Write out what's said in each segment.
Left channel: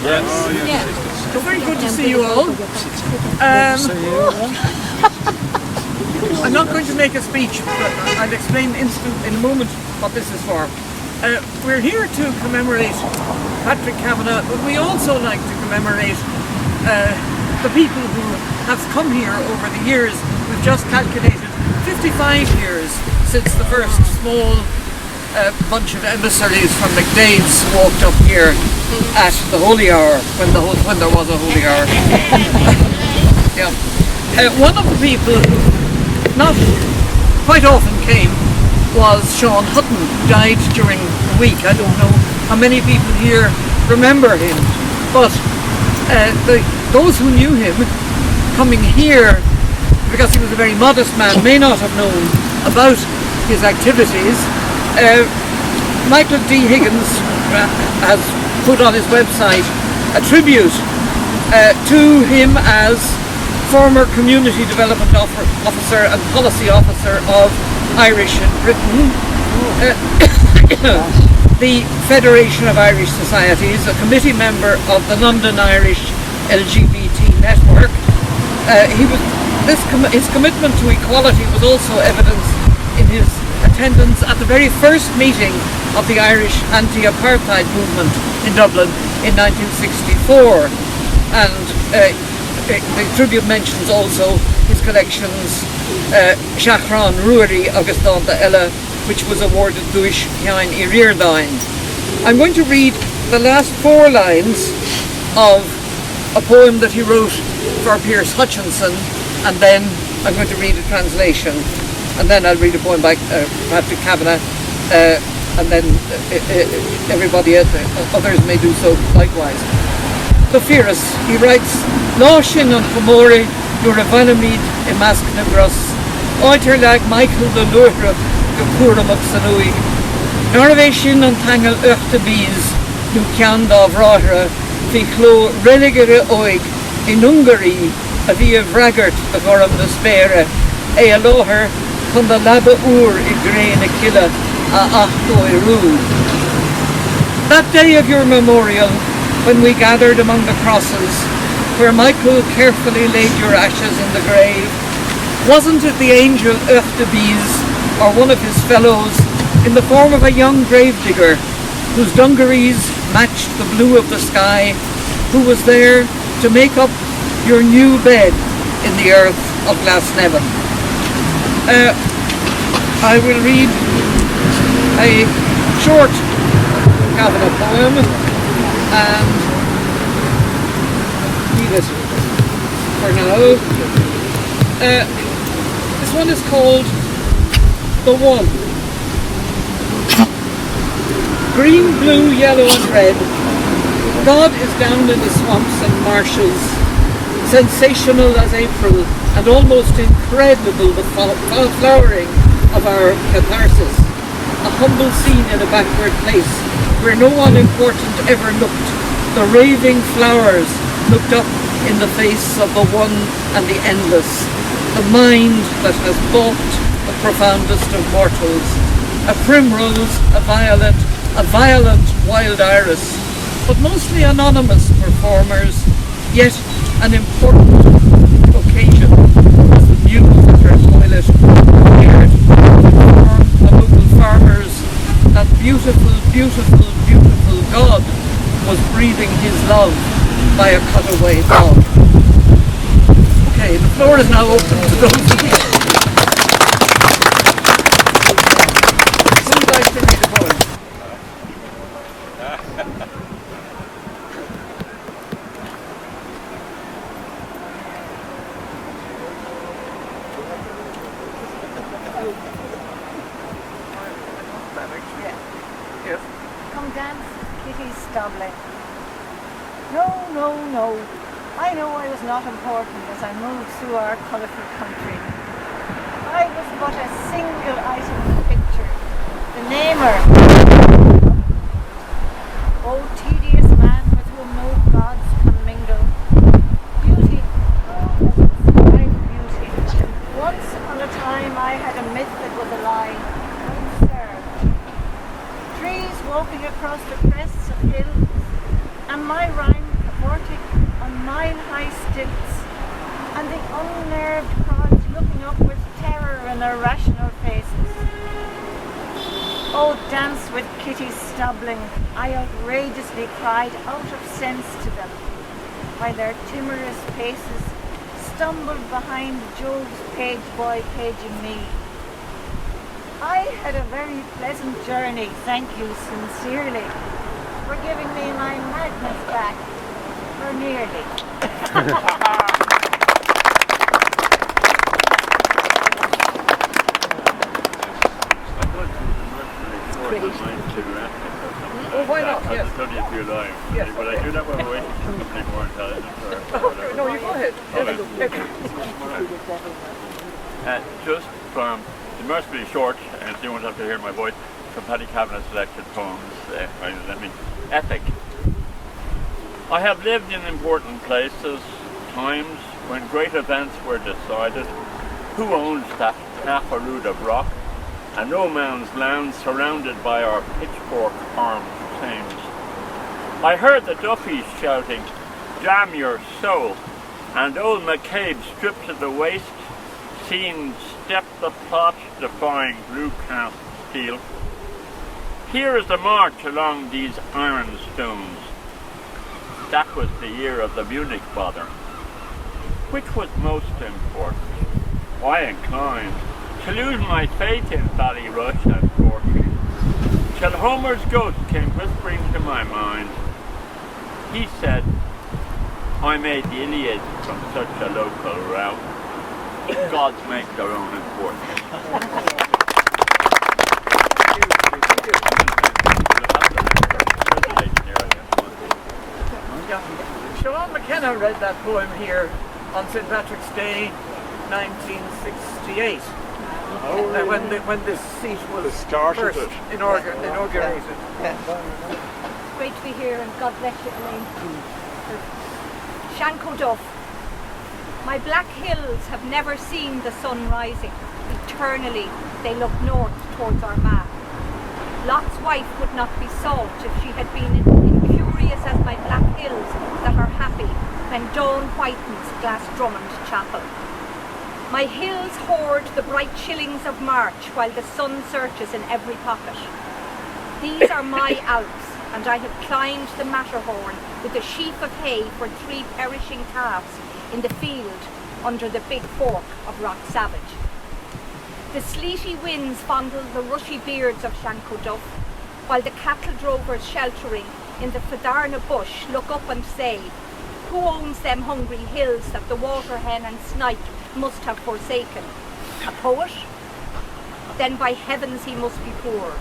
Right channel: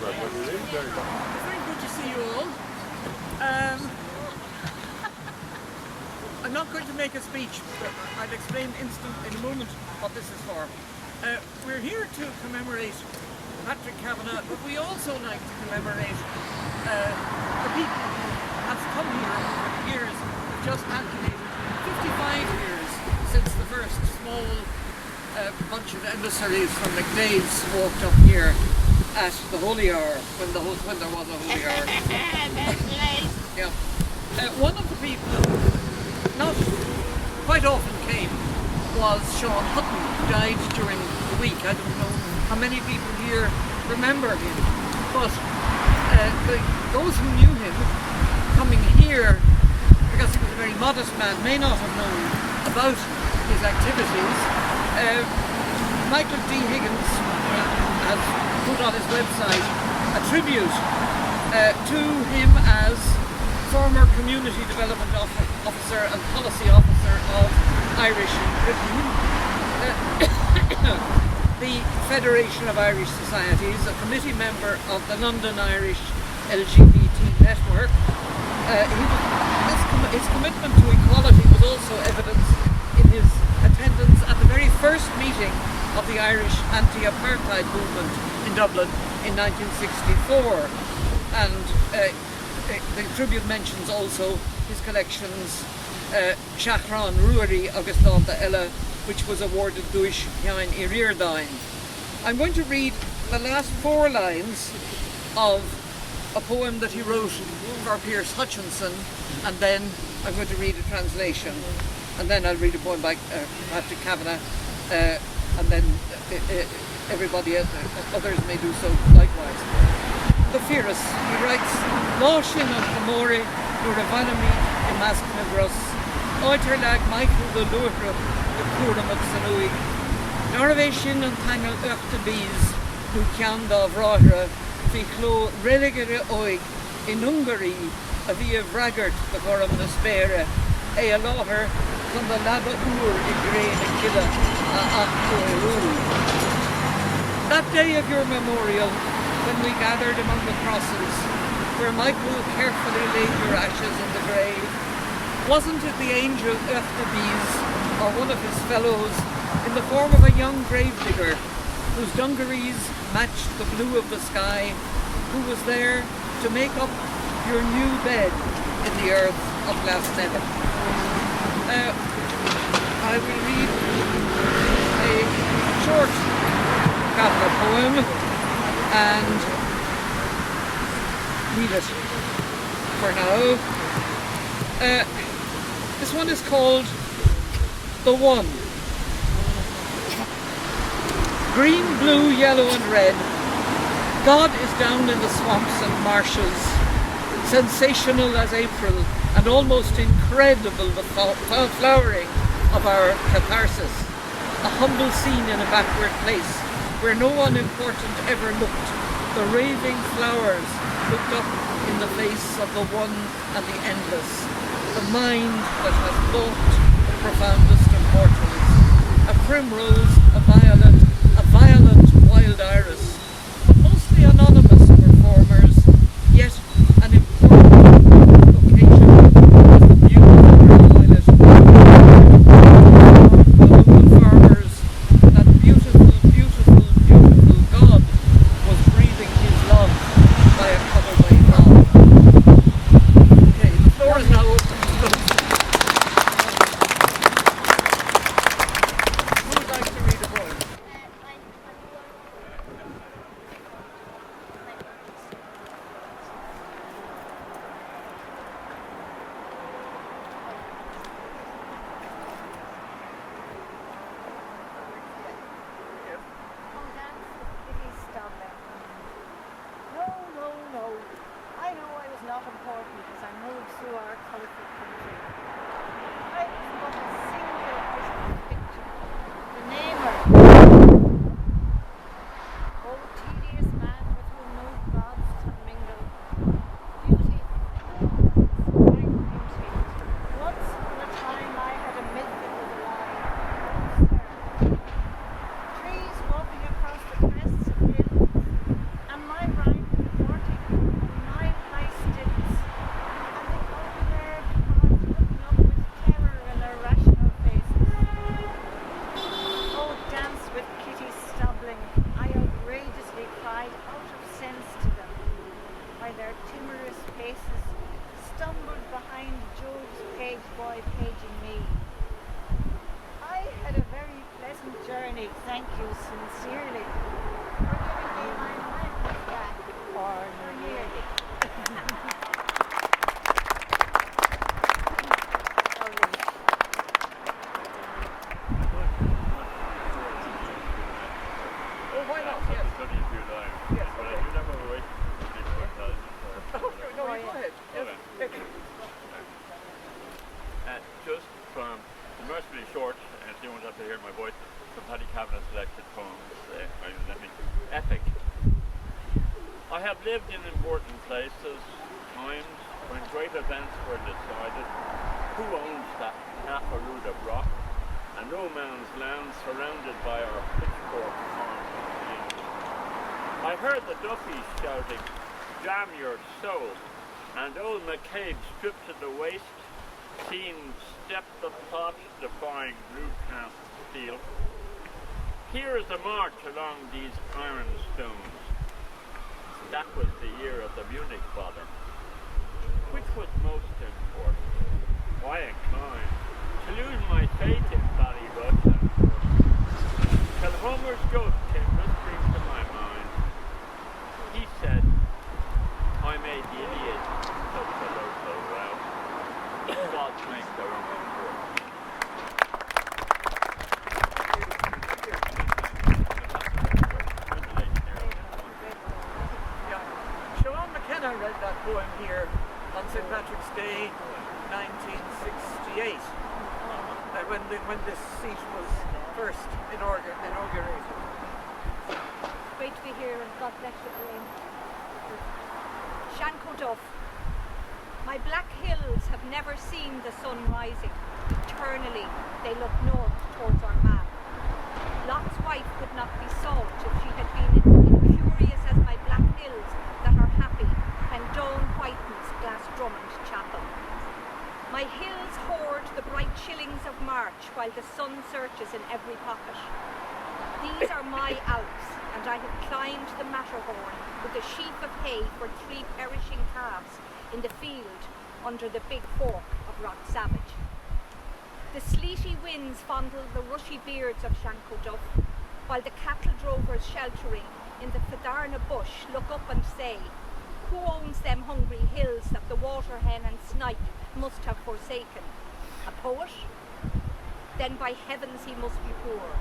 It's very good to see you all. I'm not going to make a speech, but I'll explain in a moment what this is for. We're here to commemorate Patrick Kavanagh, but we also like to commemorate the people who have come here over the years. We've just calculated 55 years since the first small bunch of emissaries from McDade's walked up here at the Holy Hour, when there was a Holy Hour. Yeah. One of the people who not quite often came was Sean Hutton, who died during the week. I don't know how many people here remember him, but those who knew him coming here, because he was a very modest man, may not have known about his activities. Michael D. Higgins has put on his website a tribute to him as former Community Development Officer and Policy Officer of Irish in Britain, the Federation of Irish Societies, a committee member of the London Irish LGBT network. His commitment to equality was also evidenced in his attendance at the very first meeting of the Irish anti-apartheid movement in Dublin in 1964, and the tribute mentions also his collections Shachran Ruari agus Danta Ella, which was awarded Duish Hian Irirdain. I'm going to read the last 4 lines of a poem that he wrote for Pierce Hutchinson, and then I'm going to read a translation, and then I'll read a poem by Patrick Kavanagh, and then everybody else, others may do so likewise. The Fearus, he writes, Láshin an Chamori, you're a vanamid in Masknagros, oiter lag Michael the Lura, the Puram of Sanui, Norvation and Tangle Urta Bees, who can of Rahra, Fichlo religere oig, in Hungary, a via Vraggart, the Goram the Spere, a loher, con the Laba Ur I grain a killa, a achto Iru. That day of your memorial, when we gathered among the crosses, where Michael carefully laid your ashes in the grave, wasn't it the angel Urtebis, or one of his fellows, in the form of a young gravedigger, whose dungarees matched the blue of the sky, who was there to make up your new bed in the earth of Glasnevin? I will read a short Kavanagh poem and read it for now. This one is called The One. Green, blue, yellow and red, God is down in the swamps and marshes, sensational as April and almost incredible the flowering of our catharsis, a humble scene in a backward place where no one important ever looked. The raving flowers looked up in the face of the one and the endless, the mind that has balked the profoundest of mortals, a primrose, a violent wild iris, but mostly anonymous performers, yet an important occasion as the muse at her toilet appeared, the local farmers, that beautiful, beautiful, beautiful God was breathing his love by a cutaway dog. Okay, the floor is now open to those who would like to read a poem. Yes. Come dance with Kitty Stobling. No, no, no. I know I was not important as I moved through our colourful country. I was but a single item in the picture. The namer. Oh, tedious man with whom no gods can mingle. Beauty. Oh, right beauty. Once upon a time I had a myth that was a lie. Oh, sir. Trees walking across the crests of hills, and my rhyme irrational faces. Oh, dance with Kitty Stobling, I outrageously cried out of sense to them, while their timorous paces stumbled behind Job's page boy paging me. I had a very pleasant journey, thank you sincerely for giving me my madness back, or nearly. Oh, why not? I'll Yes. study a few lines. Yes, But okay. I do that when we're waiting for something more intelligent or whatever. No, you go ahead. Just from, it must be short, and you won't have to hear my voice, from Patrick Kavanagh's selected poems, Epic. I have lived in important places, times when great events were decided. Who owns that half-a-rood of rock? A no man's land surrounded by our pitchfork-armed Thames. I heard the Duffies shouting, "Damn your soul," and old McCabe stripped to the waist, seen step the plot, defying blue cast steel. Here is the march along these iron stones. That was the year of the Munich bother. Which was most important? I inclined to lose my faith in Ballyrush and Cork, till Homer's ghost came whispering to my mind. He said, I made the Iliad from such a local route. Gods make their own importance. Siobhan McKenna read that poem here on St. Patrick's Day, 1968, when this seat was first inaugurated. Great to be here, and God bless you, Elaine. Shanco Duff. My black hills have never seen the sun rising. Eternally they look north towards Armagh. Lot's wife would not be salt if she had been incurious as my black hills that are happy when dawn whitens Glasdrummond Chapel. My hills hoard the bright shillings of March while the sun searches in every pocket. These are my Alps, and I have climbed the Matterhorn with a sheaf of hay for 3 perishing calves in the field under the big fork of Rock Savage. The sleety winds fondle the rushy beards of Shanco Duff, while the cattle drovers sheltering in the Fadarna bush look up and say, who owns them hungry hills that the water hen and snipe must have forsaken? A poet? Then by heavens he must be poor.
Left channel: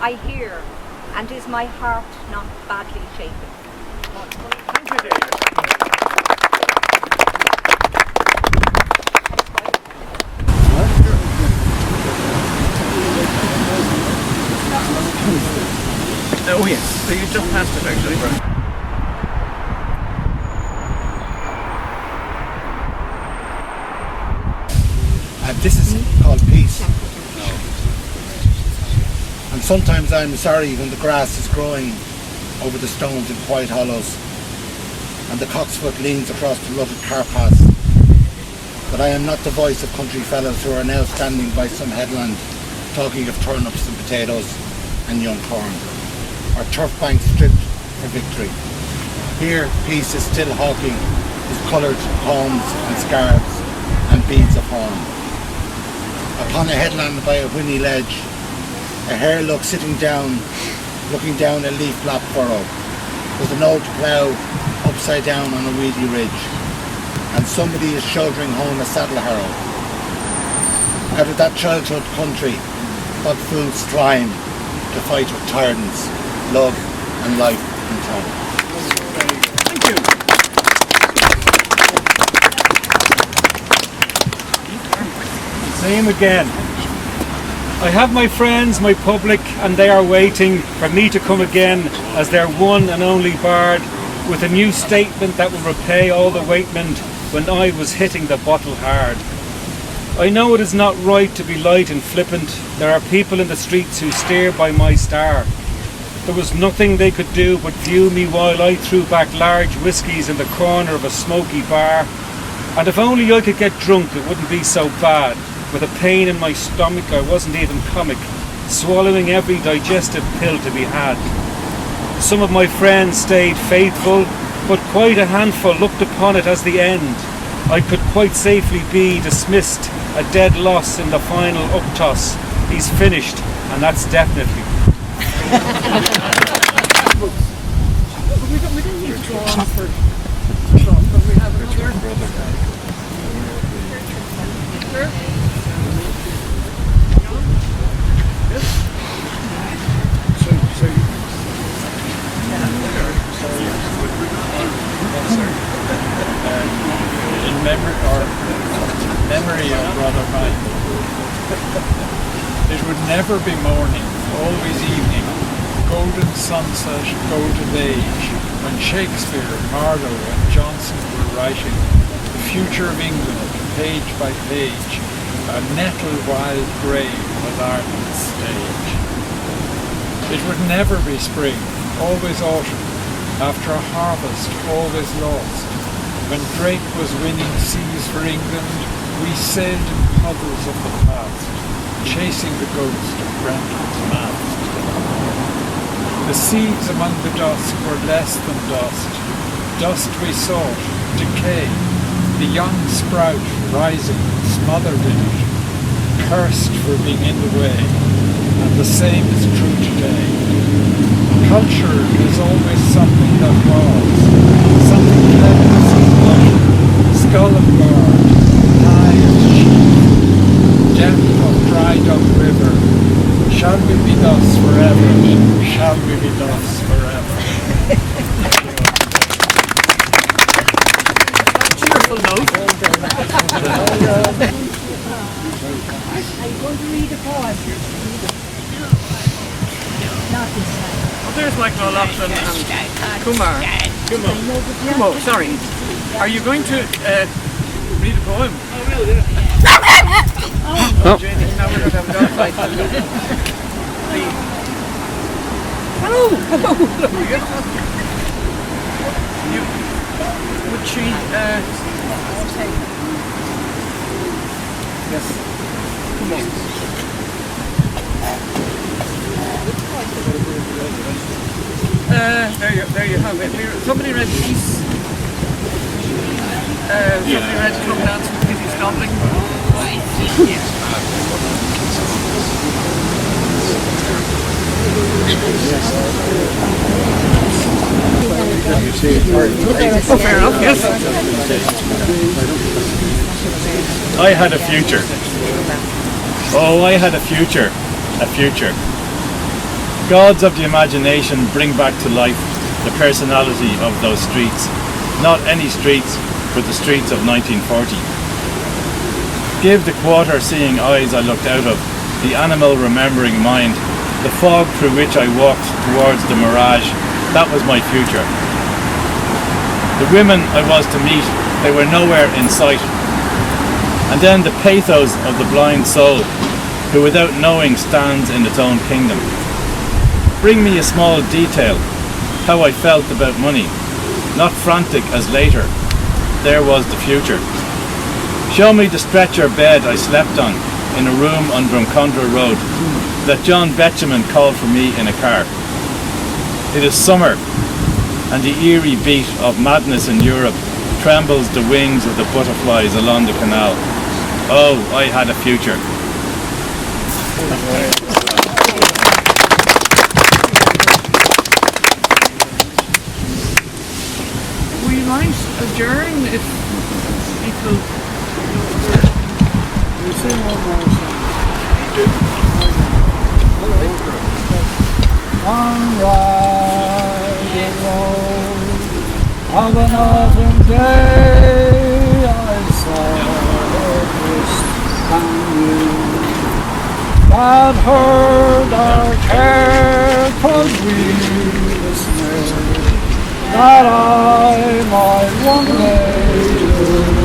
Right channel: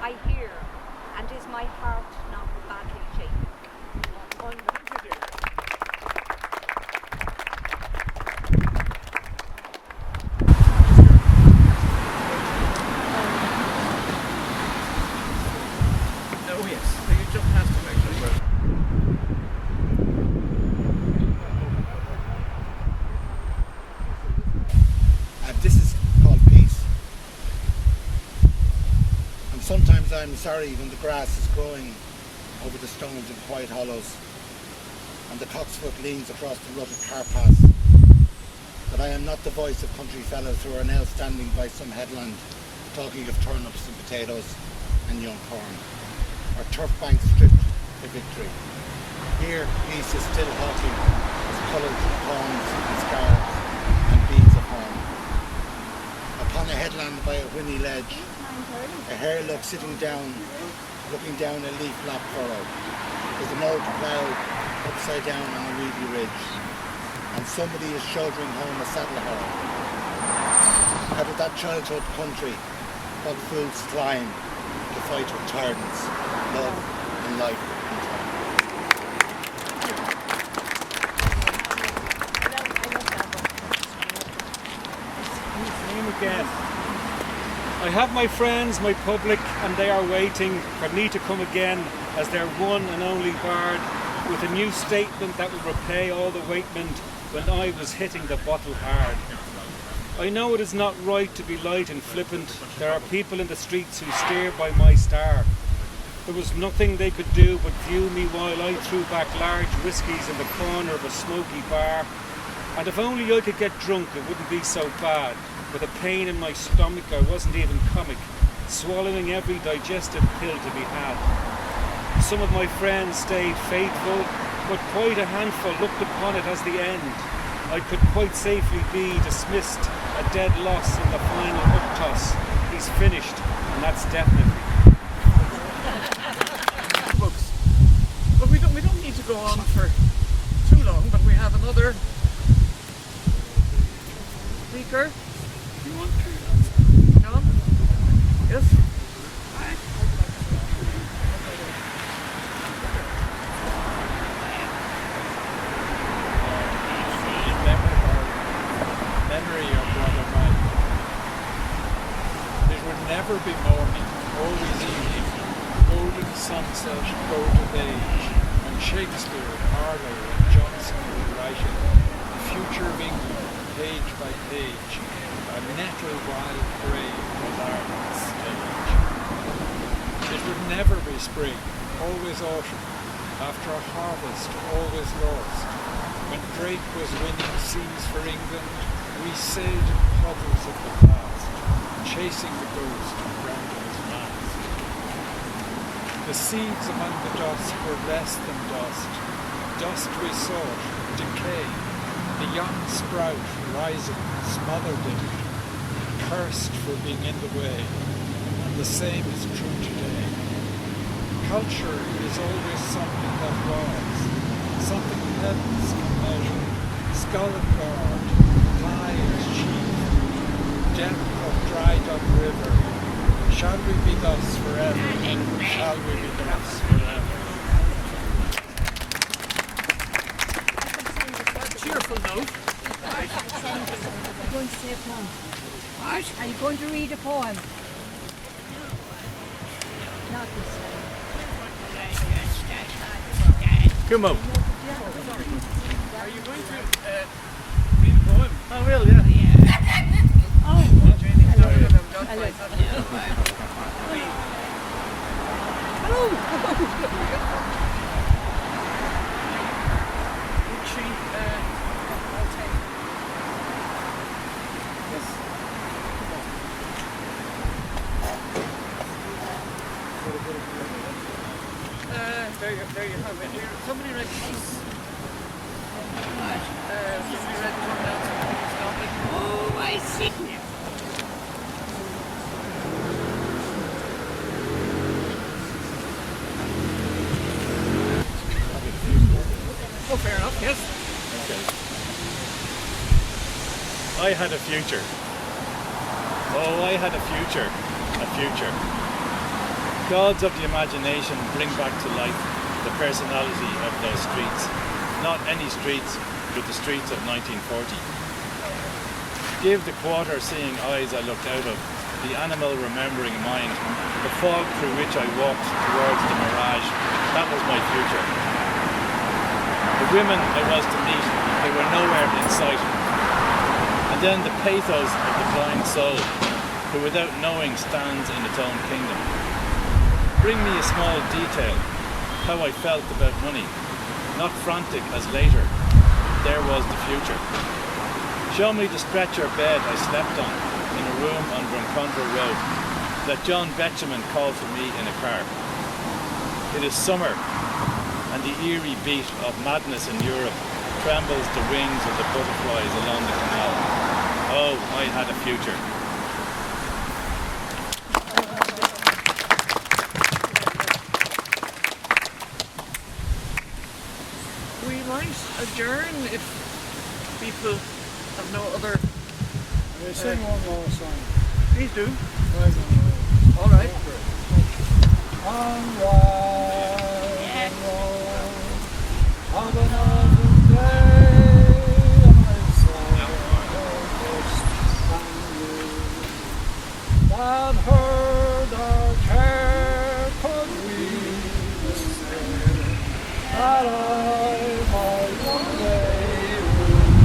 I hear, and is my heart not badly shaken? Thank you, David. Oh yes, so you just passed it actually. This is called peace. And sometimes I'm sorry when the grass is growing over the stones in quiet hollows and the cocksfoot leans across the rutted carpaths, that I am not the voice of country fellows who are now standing by some headland talking of turnips and potatoes and young corn, or turf banks stripped for victory. Here peace is still hawking his coloured palms and scarves and beads of horn. Upon a headland by a whinny ledge, a hare looks looking down a leaf-lap furrow. There's an old plough upside down on a weedy ridge, and somebody is shouldering home a saddle harrow. Out of that childhood country, what fools climb to fight with tyrants, love and life and time. Thank you. Same again. I have my friends, my public, and they are waiting for me to come again as their one and only bard with a new statement that will repay all the waitment when I was hitting the bottle hard. I know it is not right to be light and flippant. There are people in the streets who steer by my star. There was nothing they could do but view me while I threw back large whiskies in the corner of a smoky bar. And if only I could get drunk, it wouldn't be so bad. with a pain in my stomach I wasn't even comic, swallowing every digestive pill to be had. Some of my friends stayed faithful, but quite a handful looked upon it as the end. I could quite safely be dismissed, a dead loss in the final uptoss. He's finished, and that's definitely. But we don't need to go on for too long, but we have another speaker. In memory of Brother Michael. It would never be morning, always evening, golden sunset, golden age, when Shakespeare, Marlowe and Johnson were writing the future of England, page by page, a nettle wild grave was Ireland's stage. It would never be spring, always autumn, after a harvest always lost. When Drake was winning seas for England, we sailed in puddles of the past, chasing the ghost of Grendel's mast. The seeds among the dusk were less than dust. Dust we sought, decay, the young sprout rising smothered in it, cursed for being in the way, and the same is true today. Culture is always something that was, something clever, skull and guard, high as chief, depth of dried up river. Shall we be thus forever? Shall we be thus forever? Cheerful note. Are you going to read a poem? Not this time. Oh, there's Michael O'Loughlin and Kumar, sorry. Are you going to read a poem? I will, yeah. Oh, Janie, now we're going to have a dogfight. Hello! Would she, yes. Come on. There you have it. Somebody read Peace. Somebody read Club Dance with Kitty Stumbling. Oh, I see. Yeah. Oh, fair enough, yes. I had a future. Oh, I had a future. A future. Gods of the imagination bring back to life the personality of those streets. Not any streets, but the streets of 1940. Give the quarter-seeing eyes I looked out of, the animal-remembering mind, the fog through which I walked towards the mirage. That was my future. The women I was to meet, they were nowhere in sight. And then the pathos of the blind soul, who without knowing stands in its own kingdom. Bring me a small detail, how I felt about money, not frantic as later. There was the future. Show me the stretcher bed I slept on in a room on Drumcondra Road that John Betjeman called for me in a car. It is summer, and the eerie beat of madness in Europe trembles the wings of the butterflies along the canal. Oh, I had a future. We might adjourn if people... We'll sing one more song. On riding road of an autumn day, I saw a distant view that heard our care, 'twas we dismayed that I might one day live.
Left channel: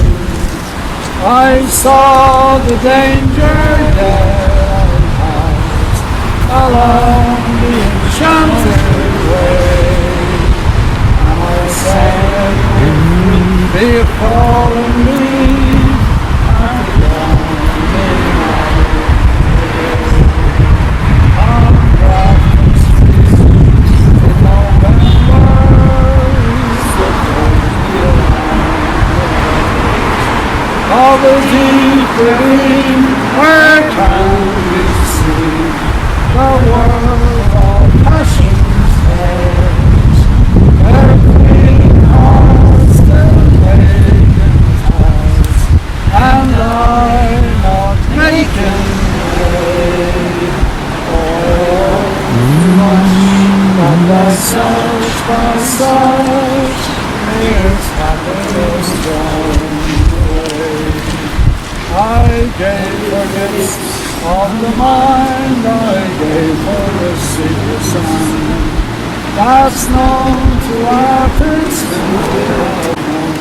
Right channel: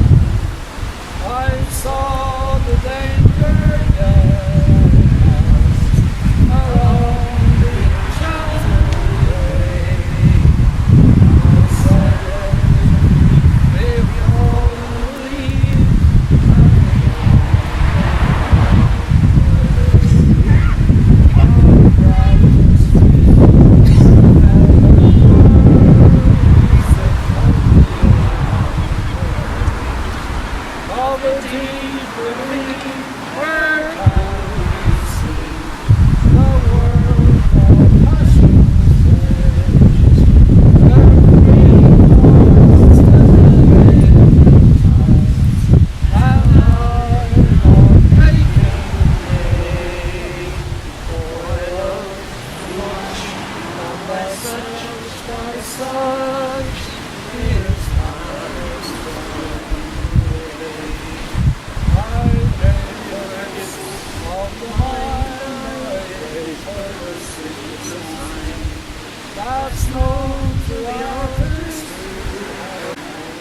I saw the danger that I passed along the enchanted way, and I said, if we be a fallen leaf, and a of a deep ravine where can we see the world of passion's face, where queen hearts still vacant hands, and I not making hay. Oh, too much that by such years happiness thrown away. I gave for gifts of the mind, I gave for the secret sound that's known to artists who have known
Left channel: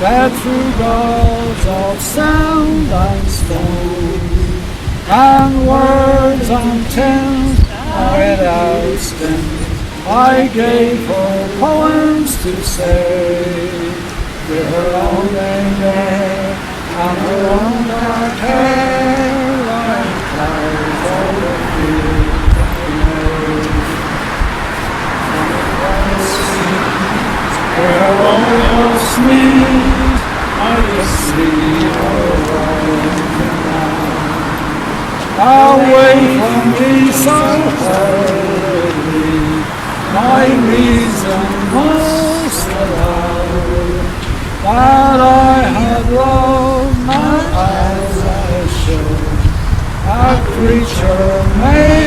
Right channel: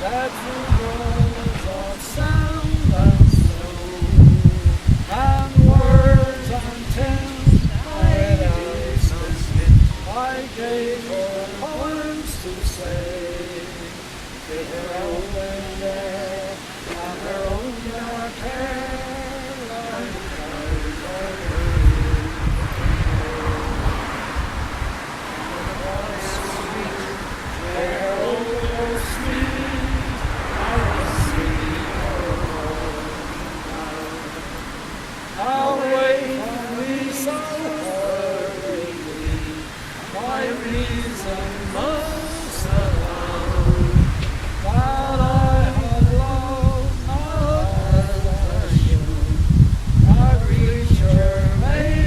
that through gods of sound and stone and words and tint are without stint, I gave her poems to say, with her own anger and her own dark hair, like clouds of the field they made. From the quiet streets where her own was meet, I could see her walking down, away from me so hurriedly. My reason most allowed that I had loved not as I should, a creature made